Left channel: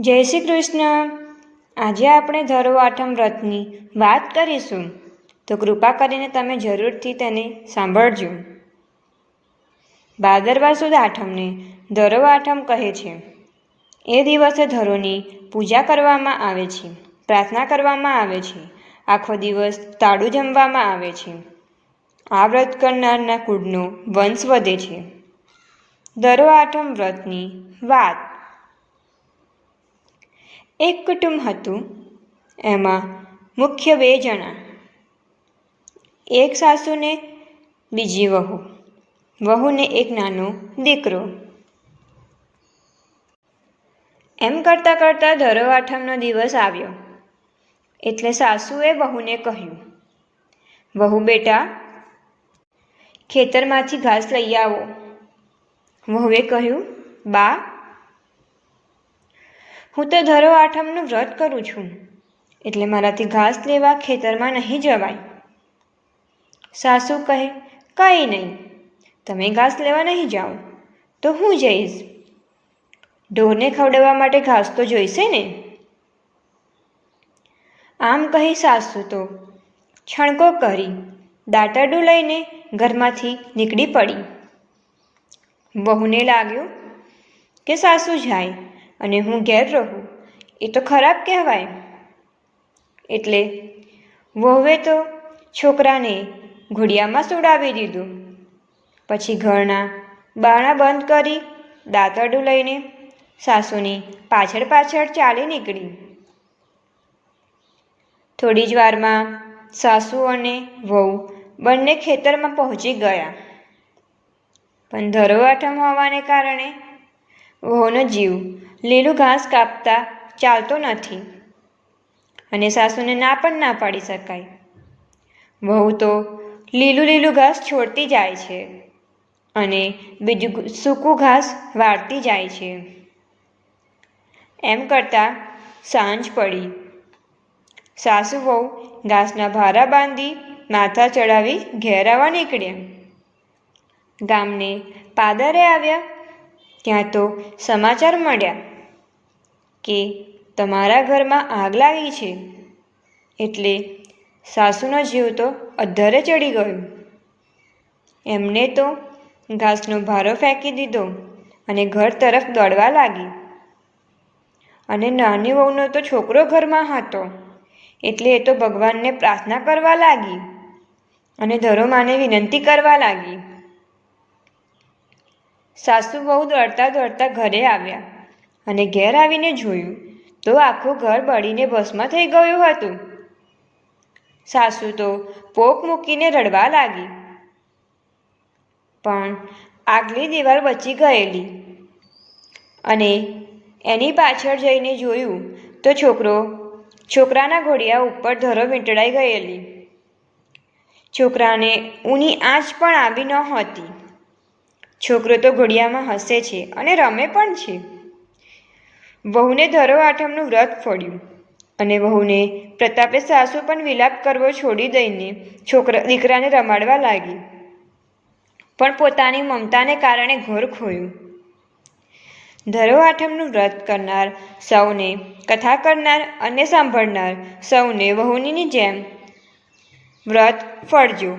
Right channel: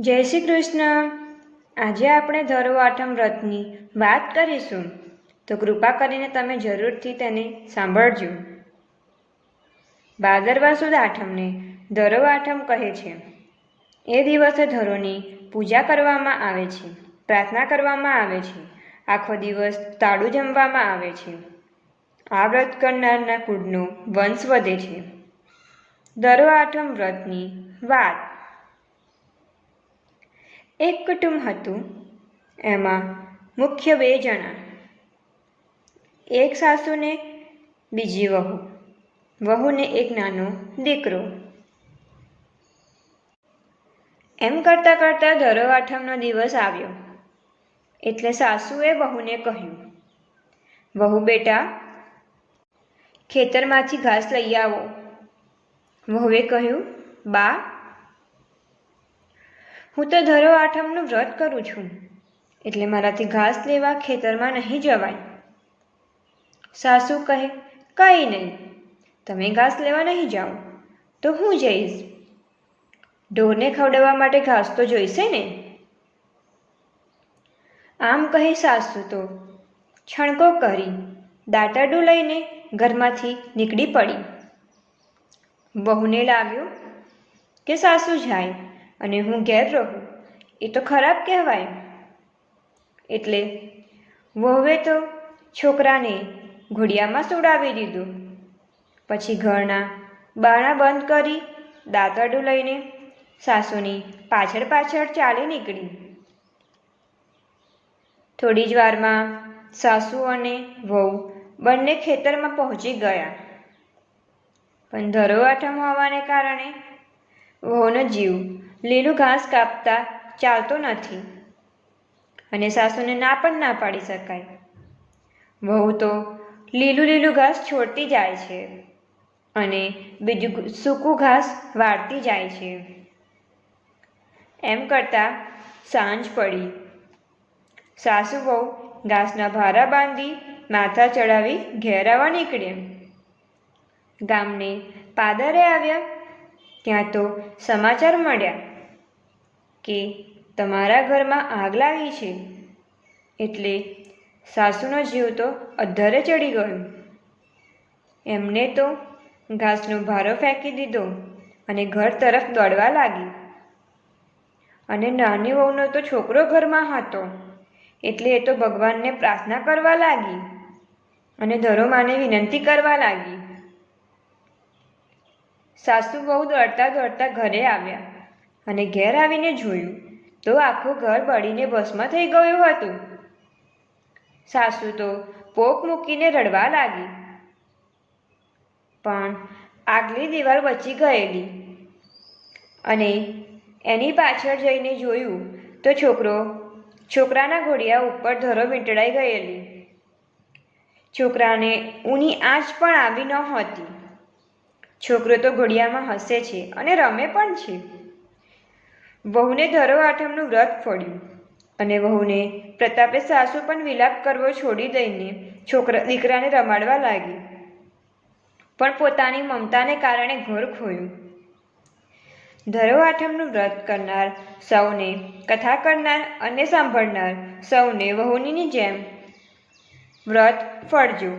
જય શ્રી કૃષ્ણ. આજે આપણે ધરો આઠમ વ્રતની વાત કરીશું. તો કૃપા કરીને તમે જરૂરથી તેને સાંભળજો. ભાદરવા સુદ આઠમને ધરો આઠમ કહે છે. એ દિવસે ધરોની પૂજા કરવામાં આવે છે, પ્રાર્થના કરવામાં આવે છે. આખો દિવસ તાળું જમવામાં આવે છે. આ વ્રત કરનારના કુળનો વંશ વધે છે. ધરો આઠમ વ્રતની વાત. એક કુટુંબ હતું. એમાં મુખ્ય બે જણા. એક સાસુને બીજી વહુ. વહુને એક નાનો દીકરો. એમ કરતાં કરતાં ધરો આઠમનો દિવસ આવ્યો. એટલે સાસુએ વહુને કહ્યું, વહુ બેટા, ખેતરમાંથી ઘાસ લઈ આવો. વહુએ કહ્યું, બા હું તો ધરો આઠમનું વ્રત કરું છું. એટલે મારાથી ઘાસ લેવા ખેતરમાં નહીં જવાય. સાસુ કહે, કંઈ નહીં. તમે ઘાસ લેવા નહીં જાઓ. તો હું જઈશ. ઢોરને ખવડાવવા માટે ઘાસ તો જોઈશે ને? આમ કહી સાસુ તો છણકો કરી દાંતરડું લઈને ઘરમાંથી નીકળી પડી. વહુને લાગ્યું કે સાસુ જાય. અને હું ઘેર રહું. એ તો ખરાબ કહેવાય એટલે વહુએ તો છોકરાને ઘોડિયામાં સુડાવી દીધું. પછી ઘરના બારણા બંધ કરી દાંતરડું લઈને સાસુની પાછળ પાછળ ચાલી નીકળી. થોડી જ વારમાં સાસુ અને વહુ બંને ખેતરમાં પહોંચી ગયા. પણ ધરો આઠમ હોવાને કારણે વહુનો જીવ. લીલું ઘાસ કાપતા ચાલતો નથી અને સાસુને ના પણ ના પાડી શકાય. વહુ તો લીલું લીલું ઘાસ છોડતી જાય છે અને બીજું સૂકું ઘાસ વાળતી જાય છે. એમ કરતાં સાંજ પડી. સાસુ વહુ ઘાસના ભારા બાંધી માથા ચડાવી આવવા નીકળે ગામને પાદરે આવ્યા ત્યાં તો સમાચાર મળ્યા કે તમારા ઘરમાં આગ લાગી છે. એટલે સાસુનો જીવ તો અધ્ધરે ચડી ગયો. એમને તો ઘાસનો ભારો ફેંકી દીધો અને ઘર તરફ દોડવા લાગી. અને નાની વહુનો તો છોકરો ઘરમાં હતો. એટલે એ તો ભગવાનને પ્રાર્થના કરવા લાગી અને ધરોમાને વિનંતી કરવા લાગી. સાસુ બહુ દોડતા દોડતા ઘરે આવ્યા અને ઘેર આવીને જોયું તો આખું ઘર બળીને ભસ્મ થઈ ગયું હતું. સાસુ તો પોક મૂકીને રડવા લાગી. પણ આગલી દિવાલ બચી ગયેલી અને એની પાછળ જઈને જોયું તો છોકરો છોકરાના ઘોડિયા ઉપર ધરો વીંટળાઈ ગયેલી. છોકરાને ઊની આંચ પણ આવી ન હતી. છોકરો તો ઘોડિયામાં હસે છે અને રમે પણ છે. વહુને ધરો આઠમનું વ્રત ફળ્યું અને વહુને પ્રતાપે સાસુ પણ વિલાપ કરવો છોડી દઈને છોકરા દીકરાને રમાડવા લાગી. પણ પોતાની મમતાને કારણે ઘર ખોયું. ધરો આઠમનું વ્રત કરનાર સૌને, કથા કરનાર અને સાંભળનાર સૌને વહુનીની જેમ વ્રત ફળજો.